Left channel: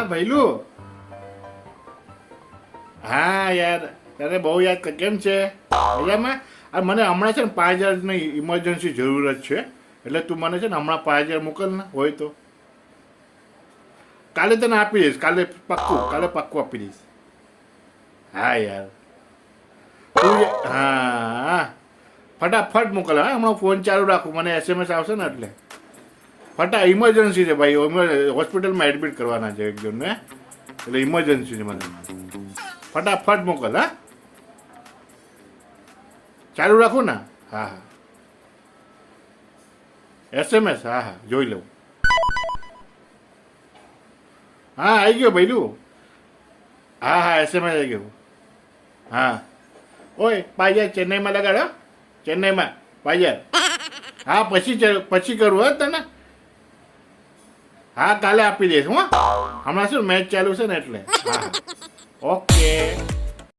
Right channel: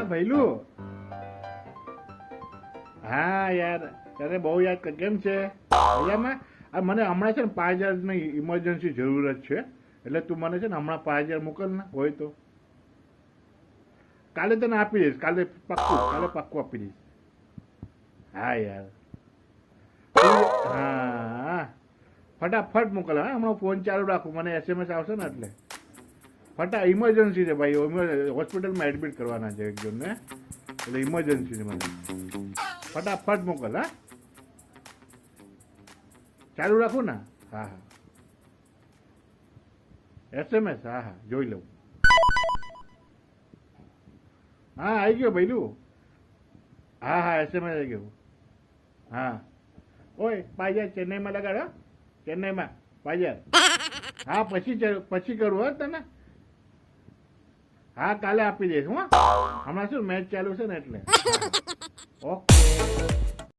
હા ભૈલું હા, યાર. તને બહુ યાદ કેમ છે? મજામાં? મને હમણાં છે ને પાંચ હજારની ઇમરજન્સી જરૂરત છે. એટલે તું મને છે ને હમણાં પાંચ હજાર મોકલ ને, હોય તો. કાલે તને આપી દઈશ. કાલે પાક્કું કાલે પાક્કું આપી દઈશ. હા, યાર. હા હા. ફટાફટ મોકલ, હા. હમણાં ફોન ચાલુ રાખું. મને એસએમએસ આવશે ને એટલે. ફટા ઇમરજન્સી છે ભાઈ. હોસ્પિટલમાં એડમિટ કરવાના છે એક જણને. એટલે ઇમરજન્સી છે મને. ફટાફટ મોકલ, હા. ચાલુ રાખું ને. હા હા. એસએમએસ હા હા. જોઈ લઉં. હા આવી ગયો ભૈલું હા હા એસએમએસ આવી ગયો. હા. ઓય પાજર ચેન્નઈમાં લગાડો ચેન્નઈમાં. પાજર હા, પછી પછી કરું, હા તને. હા કાલે આપી દઈશ હું. હમણાં શું મેચ ચાલુ છે ને એટલે. ઓકે.